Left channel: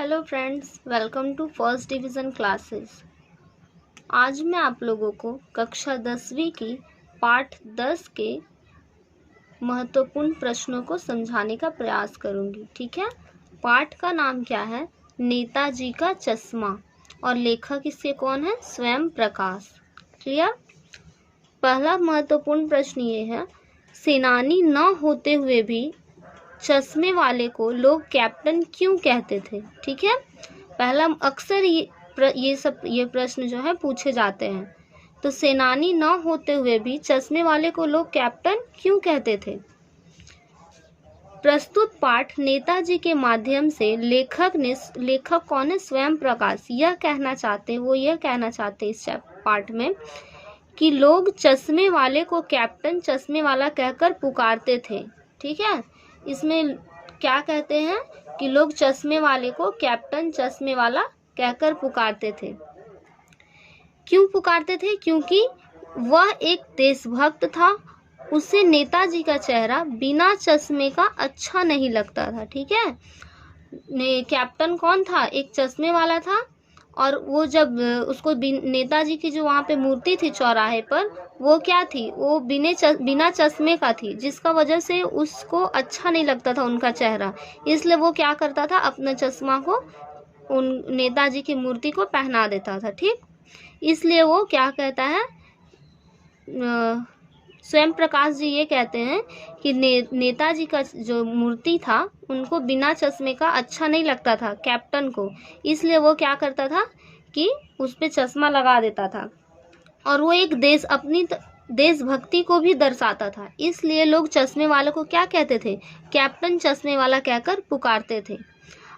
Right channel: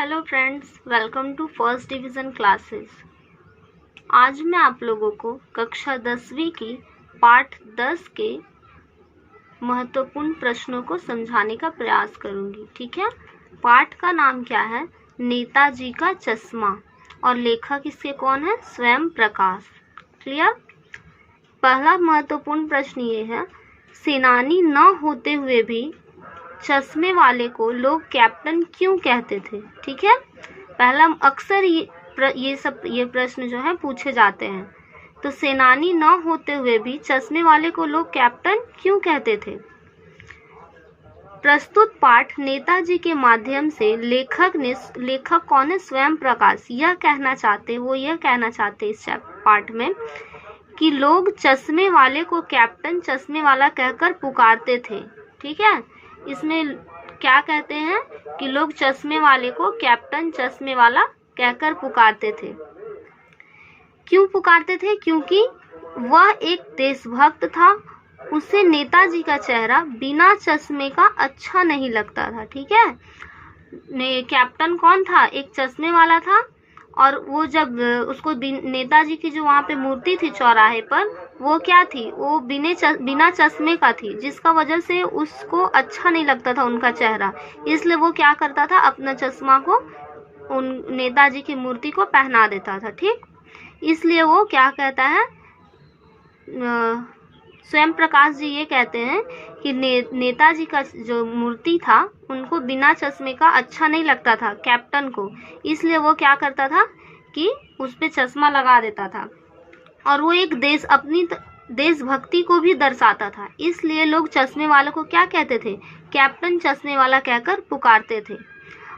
Hello friends, welcome to first division classes. आज मैं आप लोगों को कक्षा 10वीं की पाठ 10 के महत्वपूर्ण प्रश्नों को समझाने का प्रयास करूंगी। ठीक है। पाठ का नाम क्या है? नेताजी का चश्मा। और लेखक इसके कौन है? स्वयं प्रकाश। क्लियर। पहला महत्वपूर्ण प्रश्न ये है, सेनानी न होते हुए भी चश्मे वाले को लोग कैप्टन क्यों कहते थे? ठीक है। पहला अक्सर ये प्रश्न जो है पूछे जाते हैं। तो सेनानी न होते हुए भी चश्मे वाले को लोग कैप्टन क्यों कहते थे? प्रस्तुत पाठ नेताजी के माध्यम से लेखक कौन है? स्वयं प्रकाश। यह कहना चाहते इस पाठ में कि लोग चश्मे वाले को कैप्टन चश्मे वाला कहकर पुकारते थे। ठीक है। इसमें क्या कहते हैं कि लोग चश्मे वाले को कैप्टन चश्मे वाला कहकर पुकारते थे। क्यों पुकारते थे? क्योंकि वह एक देशभक्त था। उसे नेताजी का चेहरा बिना चश्मे का अच्छा नहीं लगता था। ठीक है। कैप्टन कौन था? एक चश्मे वाला था। और वो जब उसको नेताजी की जो वहाँ पे मूर्ति थी चौराहे पर, वो क्या थी? वो बिना चश्मे का थी, जिसका वजह से उसको अच्छा नहीं लगता था उनका चेहरा। इसलिए वो क्या करता था? अपना चश्मा को उन नेताजी की मूर्ति को पहना देता था। ठीक। इसलिए वो क्या कहता है, स्वयं प्रकाश जी ये कहते हैं कि नेताजी का जो मूर्ति था उनको बिना चश्मे का अच्छा नहीं लगता था कैप्टन को। इसलिए वो क्या करता था कि उस पे चश्मा लगा देता था। और वो एक अपनी देशभक्ति को भी दर्शाता था। इसलिए लोग चश्मे वाले को क्या कहते थे? कैप्टन चश्मे वाला कहकर पुकारते थे।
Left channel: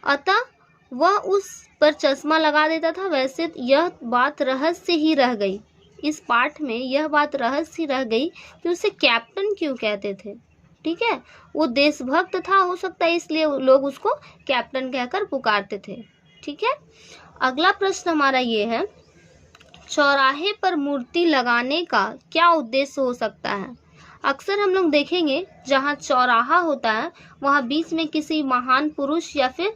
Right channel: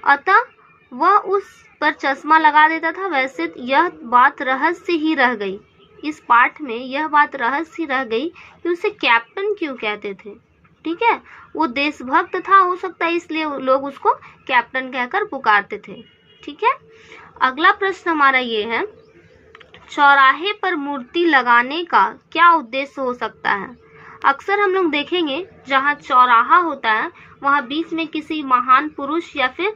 अतः वह उस पर चश्मा लगा देता था। वैसे यह बात रहस्य ही रह गई। इस पाठ में यह बात रहस्य रह गई कि उसे कैप्टन क्यों कहते थे। ठीक है। वो देशभक्त था, हो सकता है इसलिए लोग उसको कैप्टन कहकर पुकारते थे। ठीक है। अगला प्रश्न हमारा ये है, चौराहे पर मूर्ति लगाने का क्या उद्देश्य हो सकता है? अक्सर हम लोग देखेंगे जहाँ चौराहा होता है वहाँ बीच में किसी महान पुरुष या फिर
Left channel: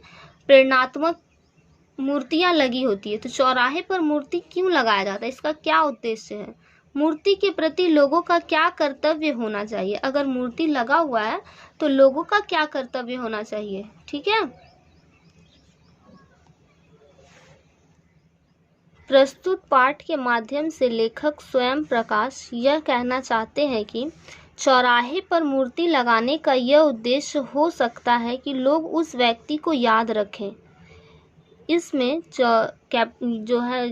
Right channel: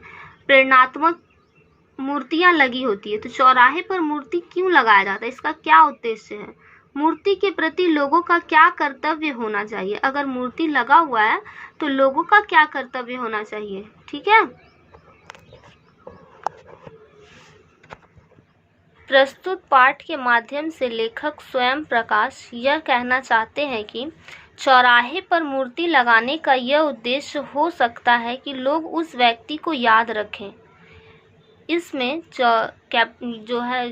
प्रेरणात्मक मूर्तियां लगी होती है। तो चौराहे पर मूर्ति क्यों लगाया जाता है? इसका क्या उद्देश्य है? मूर्ति के प्रति लोगों का क्या कर्तव्य होना चाहिए? अगर मूर्ति लगा हुआ है तो लोगों का क्या कर्तव्य होना चाहिए? ठीक है। प्रस्तुत पाठ के माध्यम से लेखक स्वयं प्रकाश यह कहना चाहते हैं कि चौराहे पर मूर्ति लगाने का यह उद्देश्य हो सकता है कि लोग उस व्यक्ति को याद रखें। इसमें जो है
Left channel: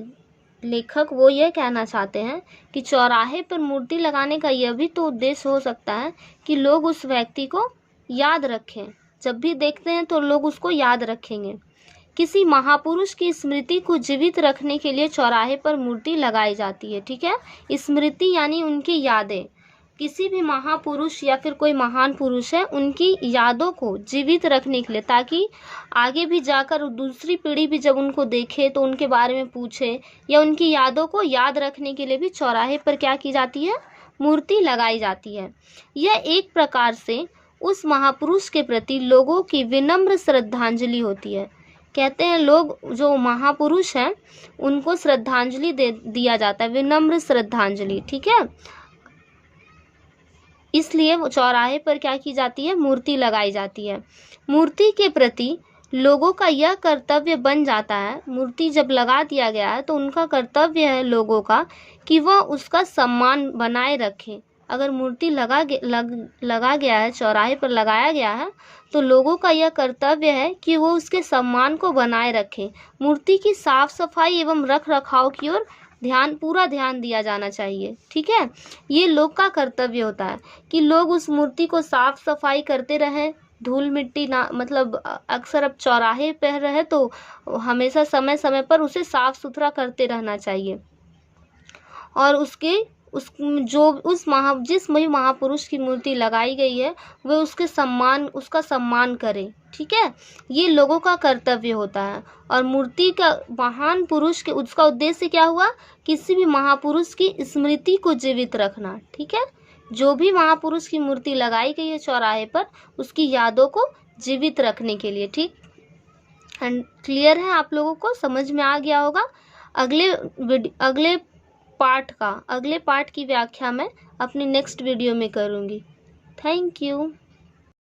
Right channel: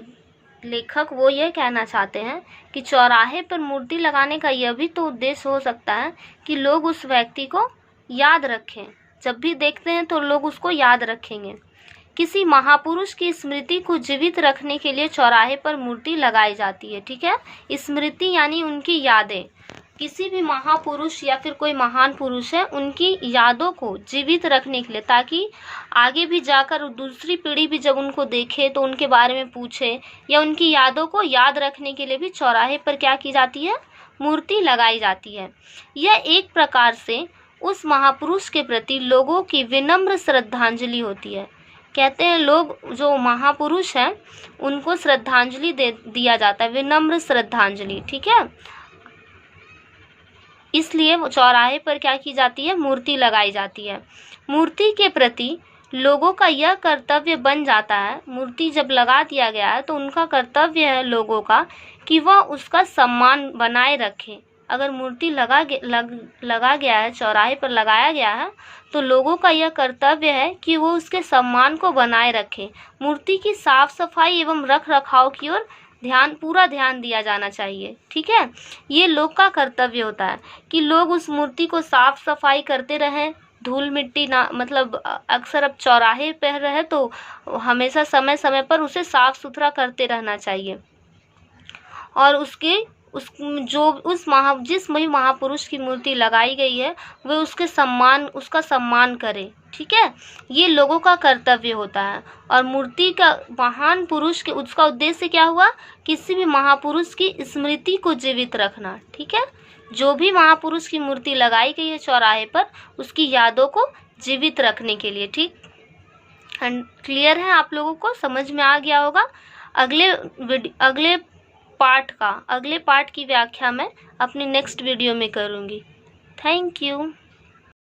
लेखक वो ये कहना चाहते हैं कि चौराहे पर मूर्ति लगाने का यह भी तो उद्देश्य हो सकता है कि लोग उस व्यक्ति को याद रखें। जब भी देखते हैं तो लोग उसको याद रखेंगे। किसी महापुरुष की स्मृति को जीवित रखने के लिए चौराहे पर मूर्ति लगाई जाती है। ठीक है। स्मृति यानी उनकी यादें। किसी भी महापुरुष या फिर कोई महान पुरुष है, उनकी यादों को जीवित रखने के लिए, ताकि आगे भी जाकर दूसरी पीढ़ी भी जब उनको देखे तो उनके बारे में पूछे, या उनकी यादों को याद रखने के लिए भी चौराहे पर क्या की जाती है? मूर्ति लगाई जाती है। यह एक प्रकार से उस महापुरुष के प्रति लोगों की विनम्र श्रद्धांजलि होती है। कहते हैं लोग जो महापुरुष हैं उनको श्रद्धांजलि दिया जाता है, विनम्र श्रद्धांजलि। ठीक है। इसलिए चौराहे पर क्या की जाती है? मूर्ति लगाई जाती है। मूर्ति के प्रति लोगों का यह कर्तव्य बन जाता है, मूर्ति जब लगा दिया गया है तो उनका कर्तव्य है लोगों का कि वह उसका सम्मान बनाए रखें। अगर मूर्ति लगा गया है, चौराहे पर लगाया गया है, तो लोगों का यह कर्तव्य है कि वो उसके सम्मान को बनाए रखें। मूर्ति की साफ सफाई एवं रख रखाव की ओर पूरा ध्यान दिया जाना चाहिए। ठीक है। ये लोग का कर्तव्य होता है कि लोग उस मूर्ति को साफ सफाई करते रहें, धूल मिट्टी ना, मतलब अक्सर अब चौराहे पर रहे तो हमेशा समय समय पर उसे साफ सुथरा करते रहना चाहिए। और जिस महापुरुष की मूर्ति लगाई गई है वे उसका सम्मान करे। ठीक है। ये लोगों का कर्तव्य होता है। और मूर्ति का महान पुरुष के उसका उद्देश्य क्या हुआ? किसी भी महापुरुष की स्मृति को जीवित रखना। ठीक है। जो भी महापुरुष की मूर्ति लगाई गई है चौराहे पर, उसकी यादों को जीवित रखने के लिए। ठीक। क्लियर है? आप लोगों को समझ में आ गया होगा। अगले पार्ट की व्याख्या मैं अपनी नेक्स्ट वीडियो में करूँगी। Thank you.